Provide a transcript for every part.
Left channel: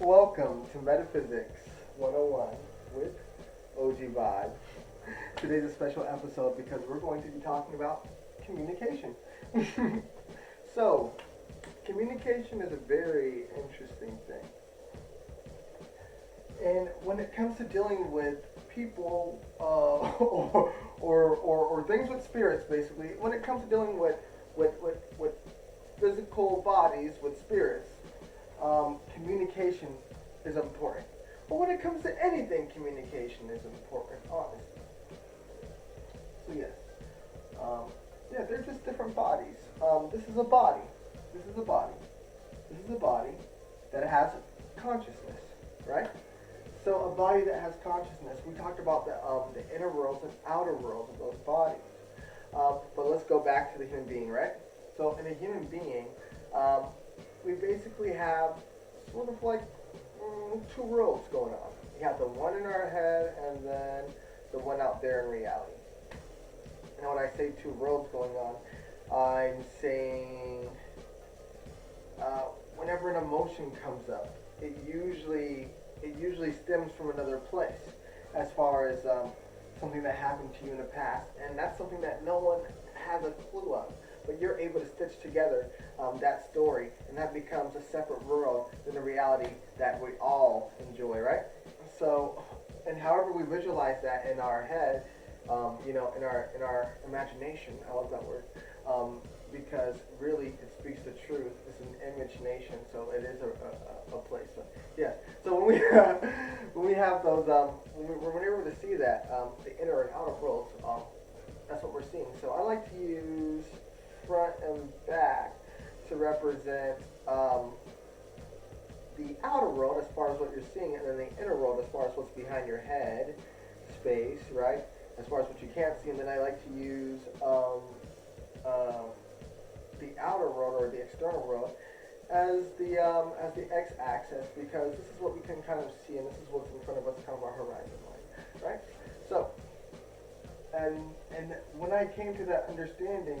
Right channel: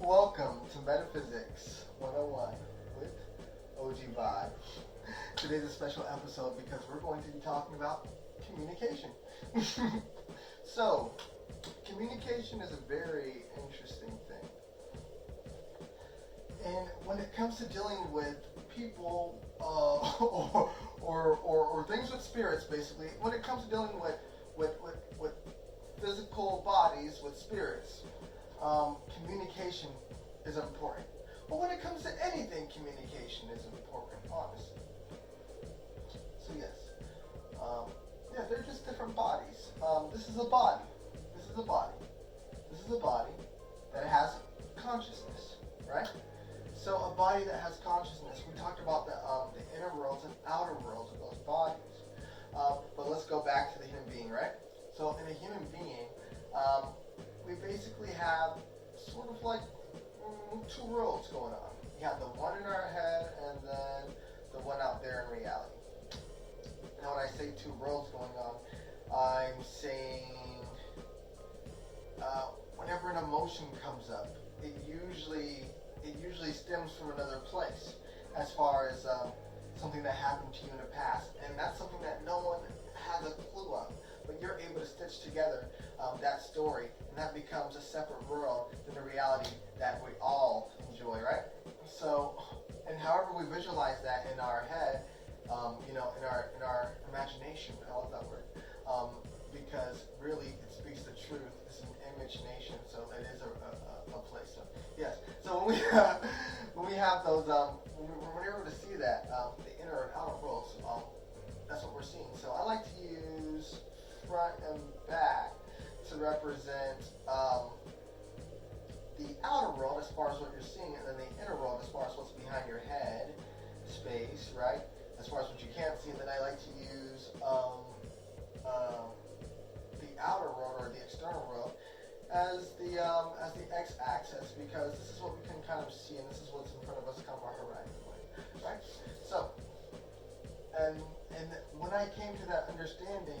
Welcome to Metaphysics 101 with OG Vibe. Today's a special episode because we're going to be talking about communication. So, communication is a very interesting thing. And when it comes to dealing with people or things with spirits, basically, when it comes to dealing with physical bodies with spirits, communication is important. But when it comes to anything, communication is important, honestly. So yes, yeah, they're just different bodies. This is a body. This is a body. This is a body that has consciousness, right? So a body that has consciousness. We talked about the inner worlds and outer worlds of those bodies. But let's go back to the human being, right? So in a human being, we basically have sort of like two worlds going on. We have the one in our head and then the one out there in reality. Now when I say two worlds going on, I'm saying whenever an emotion comes up, it usually stems from another place, as far as something that happened to you in the past, and that's something that no one has a clue of. But you're able to stitch together that story, and that becomes a separate world than the reality that we all enjoy, right? So, and however we visualize that in our head, in our imagination. I love that word. Because really it speaks the truth. It's an image nation, so it is a place. So yes. So when we when we have those when we're able to see that the inner and outer worlds, that's what we're seeing. So I like to use front and back to represent the outer world as far as what you're seeing, and then the inner world as far as what's behind your head space, right? As far as what you can't see, and then I like to use the outer world or the external world as the x-axis, because this is what we can kind of see, and this is what's in front of us, kind of our horizon line, right? So, and when I came to that understanding,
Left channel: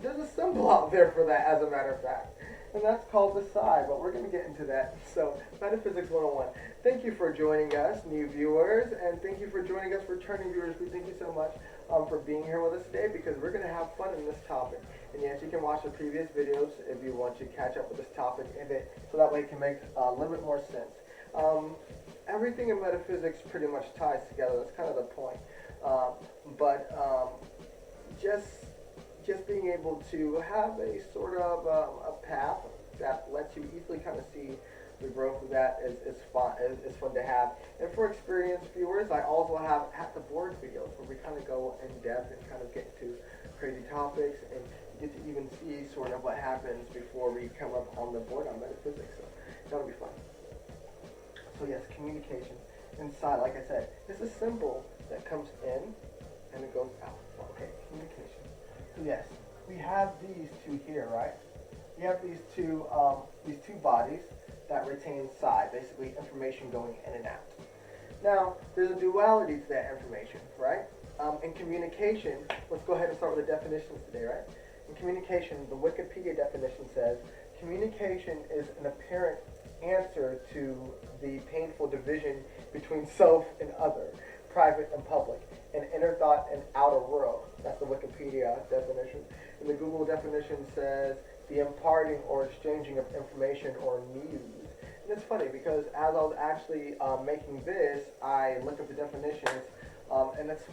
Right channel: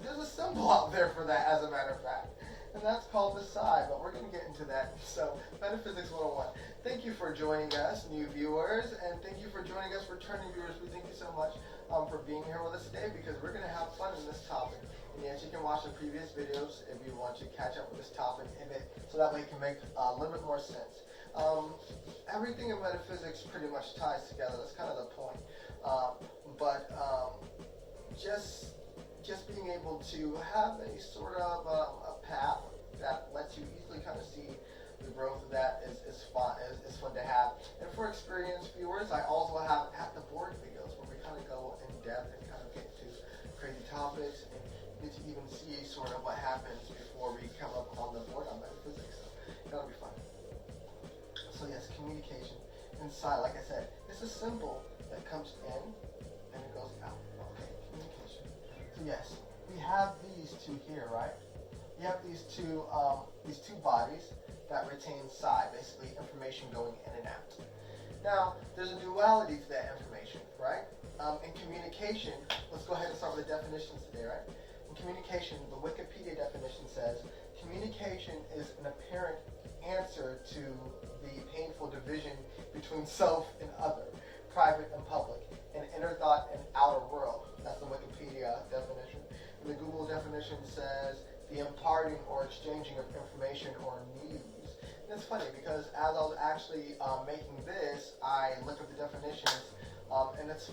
there's a symbol out there for that, as a matter of fact, and that's called the psi, but we're going to get into that. So, Metaphysics 101. Thank you for joining us, new viewers, and thank you for joining us, returning viewers. We thank you so much for being here with us today, because we're going to have fun in this topic. And yes, you can watch the previous videos if you want to catch up with this topic, so that way it can make a little bit more sense. Everything in metaphysics pretty much ties together. That's kind of the point. But just being able to have a sort of a path that lets you easily kind of see the growth of that is fun to have. And for experienced viewers, I also have at the board videos where we kind of go in depth and kind of get into crazy topics, and you get to even see sort of what happens before we come up on the board on metaphysics. So that'll be fun. So yes, communication inside, like I said, it's a symbol that comes in and it goes out. Okay, communication. So yes, we have these two here, right? We have these two bodies that retain psi, basically information going in and out. Now, there's a duality to that information, right? In communication, let's go ahead and start with the definitions today, right? In communication, the Wikipedia definition says, communication is an apparent answer to the painful division between self and other, private and public, and inner thought and outer world. That's the Wikipedia definition. And the Google definition says, the imparting or exchanging of information or news. And it's funny because as I was actually making this, I looked up the definitions, and it's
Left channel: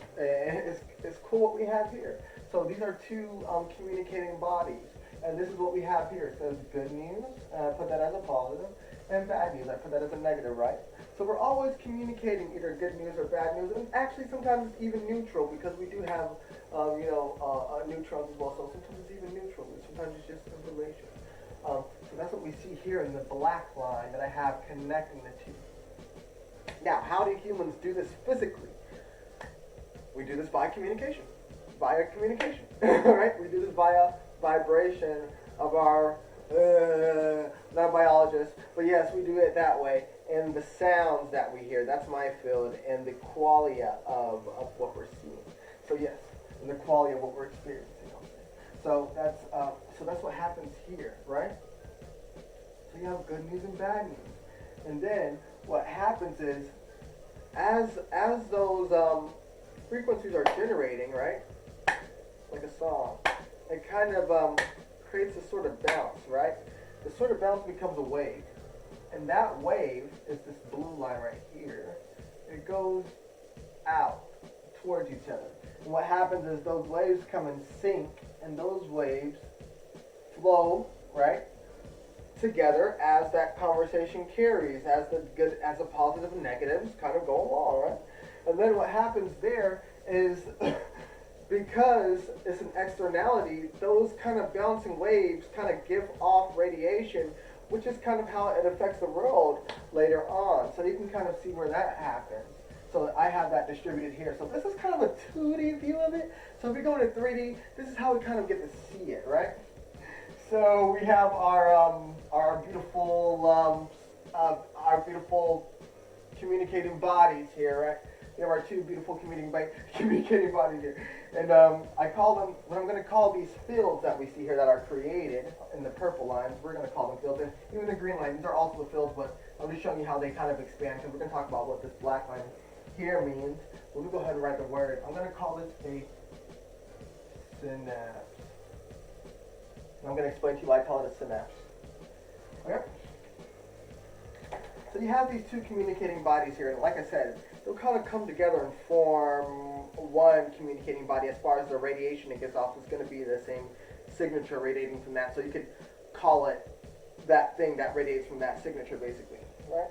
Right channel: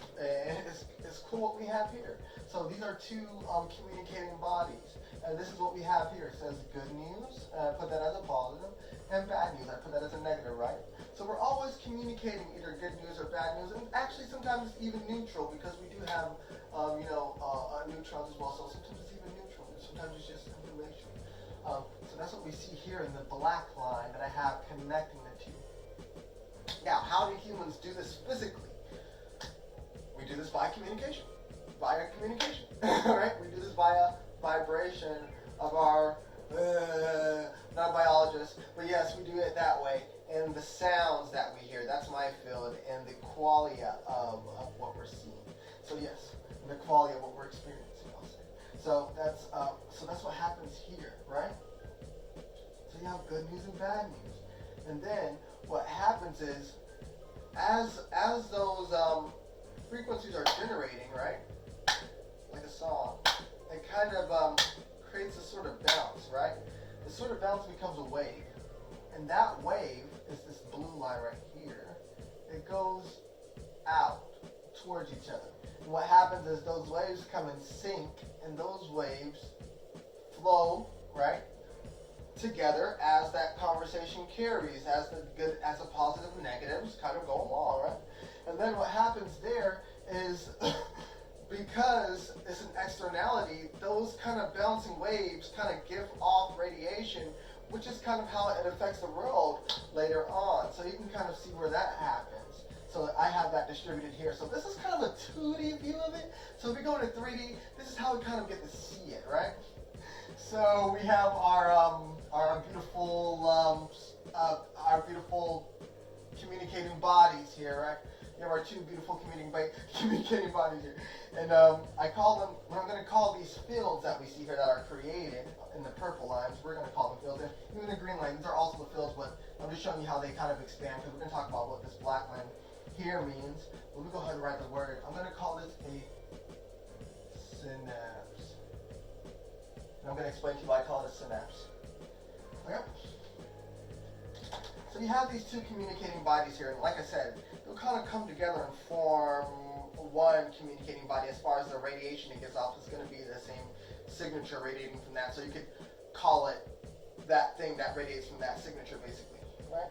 cool what we have here. So these are two communicating bodies, and this is what we have here. It says good news, and I put that as a positive, and bad news, I put that as a negative, right? So we're always communicating either good news or bad news, and actually sometimes it's even neutral, because we do have neutrons as well. So sometimes it's even neutral, sometimes it's just information. So that's what we see here in the black line that I have connecting the two. Now, how do humans do this physically? We do this via communication. Via communication, right? We do this via vibration of our, not a biologist, but yes, we do it that way. And the sounds that we hear, that's my field, and the qualia of what we're seeing. So yes, and the quality of what we're experiencing, I'll say. So that's what happens here, right? So So you have good news and bad news. And then what happens is, as those frequencies are generating, right? Like a song, it kind of creates a sort of bounce, right? The sort of bounce becomes a wave. And that wave is this blue line right here. It goes out towards each other. And what happens is those waves come in sync, and those waves flow, right, together as that conversation carries, as the good, as the positive and negatives kind of go along, right? And then what happens there is because it's an externality, those kind of bouncing waves kind of give off radiation, which is kind of how it affects the world later on. So you can kind of see where that happens. So I have that distributed here. So this is kind of a 2D view of it. So if we go into 3D, this is how we kind of get to see it, right? So we have our beautiful communicating bodies here, right? We have our two beautiful communicating bodies here. And I call them, what I'm going to call these fields that we see here that are created in the purple lines, we're going to call them fields. And even the green line, these are also the fields, but I'm just showing you how they kind of expand, because we're going to talk about what this black line here means. Let me go ahead and write the word. I'm going to call this a synapse. And I'm going to explain to you why I call it a synapse. Okay? So you have these two communicating bodies here, and like I said, they'll kind of come together and form one communicating body. As far as the radiation it gives off, it's going to be the same signature radiating from that. So you could call it that thing that radiates from that signature, basically, right?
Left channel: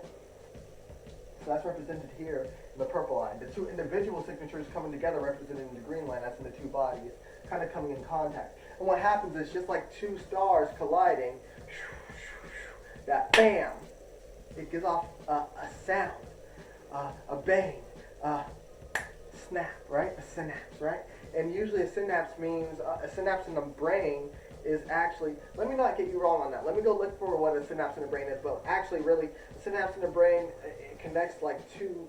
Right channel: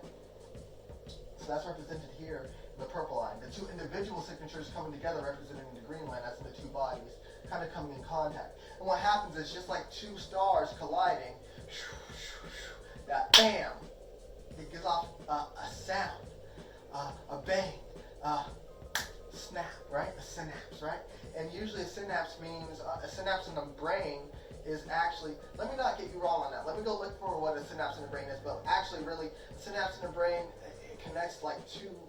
So that's represented here in the purple line. The two individual signatures coming together represented in the green line, that's in the two bodies, kind of coming in contact. And what happens is just like two stars colliding, that bam, it gives off a sound, a bang, snap, right? A synapse, right? And usually a synapse means, a synapse in the brain is actually, let me not get you wrong on that. Let me go look for what a synapse in the brain is, but actually really, a synapse in the brain, it connects two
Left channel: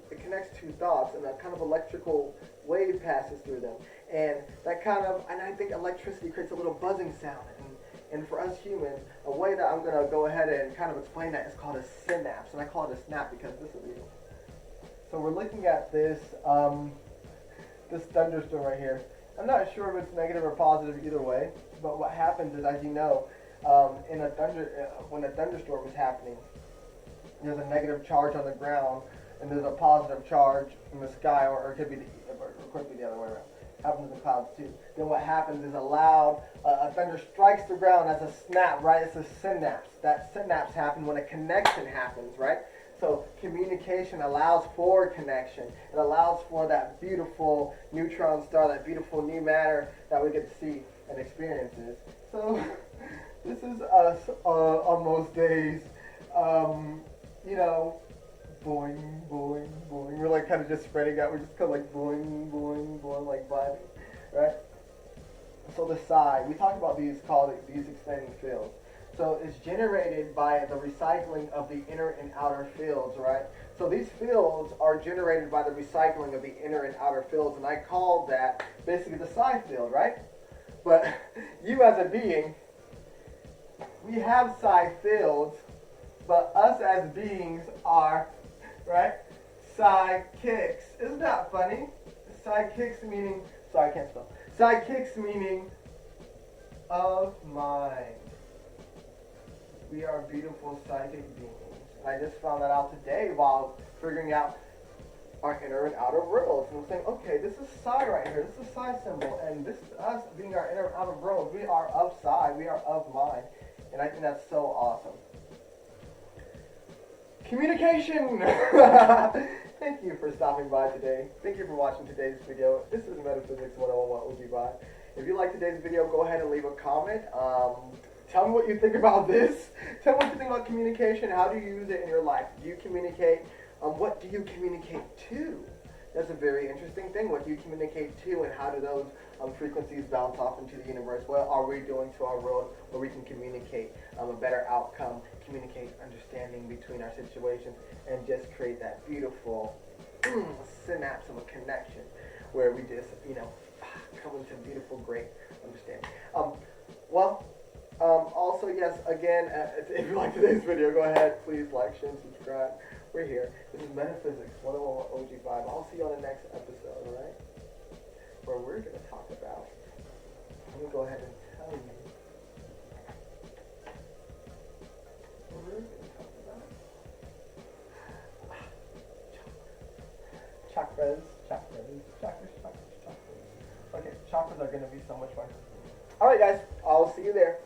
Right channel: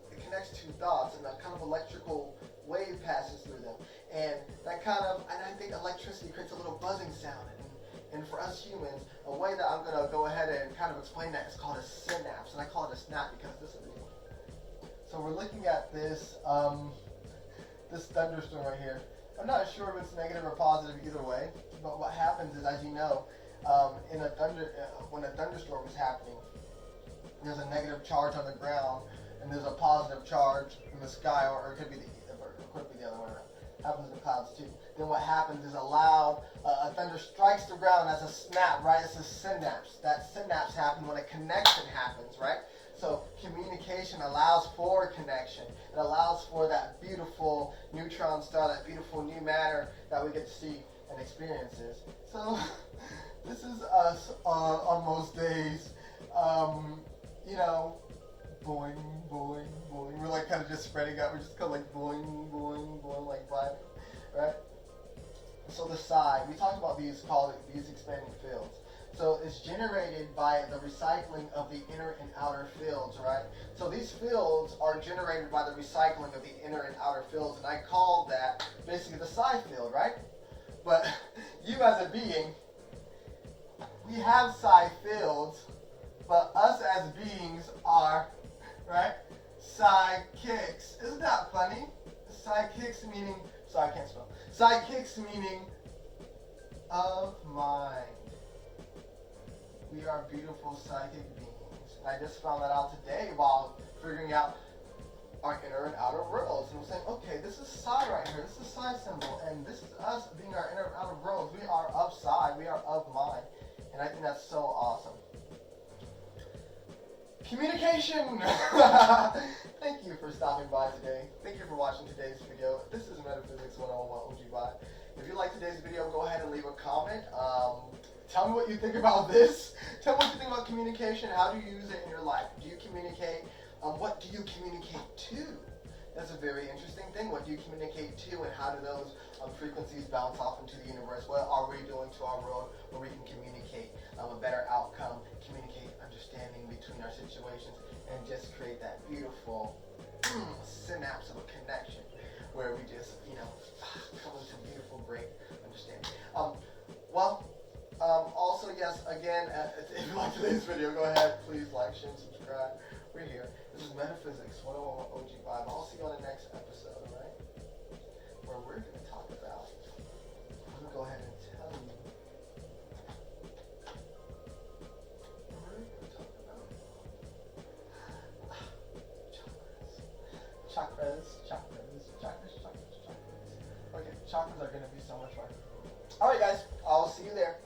thoughts, and a kind of electrical wave passes through them. And that kind of, and I think electricity creates a little buzzing sound. And for us humans, a way that I'm going to go ahead and kind of explain that is called a synapse. And I call it a snap because this is real. So we're looking at this, this thunderstorm right here. I'm not sure if it's negative or positive either way, but what happens is, as you know, when a thunderstorm is happening, there's a negative charge on the ground, and there's a positive charge in the sky, or it could be the other way around. Happens in clouds too. Then what happens is a thunder strikes the ground as a snap, right? It's a synapse. That synapse happens when a connection happens, right? So communication allows for connection. It allows for that beautiful neutron star, that beautiful new matter that we get to see and experiences. So this is us on most days, boing, boing, boing. We're like kind of just spreading out. We're just kind of like boing, boing, boing, like vibing, right? So the psi, we talked about these expanding fields. So it's generated by the recycling of the inner and outer fields, right? So these fields are generated by the recycling of the inner and outer fields, and I call that basically the psi field, right? But you as a being, we have psi fields, but us as beings are, right, psychics. Isn't that funny? Psychics meaning, sorry, I can't spell. Psychics meaning of mind. We are beautiful psychic beings. And I just found that out today while figuring out our inner and outer worlds. And I'm saying, okay, this is psi right here. This is psi symbol. And this is us being our inner and outer worlds. We are of psi. We are of mind. And I think that's so awesome. Communication! Thank you for stopping by today. Thank you for watching today's video. This is Metaphysics 101. What would you buy? If you like today's video, go ahead and leave a comment. Tell me what you think about this. Tell me what you think about communication. How do you use it in your life? Do you communicate? What do you communicate to? That's a very interesting thing. What do you communicate to, and how do those frequencies bounce off into the universe? What are we doing to our world where we can communicate a better outcome, communicate understanding between our situations, and just create that beautiful synapse of a connection where we just, come into beautiful, great understanding. Well, Also, yes, again, if you like today's video, go ahead, please like, share, and subscribe. We're here. This is Metaphysics 101 OG Vibe. I'll see you on the next episode, alright? Where we're going to talk about, I'm going to go ahead and tell you what we're going to talk about. Chakras. Okay, chakras are going to be so much fun. Alright, guys, I'll see you there.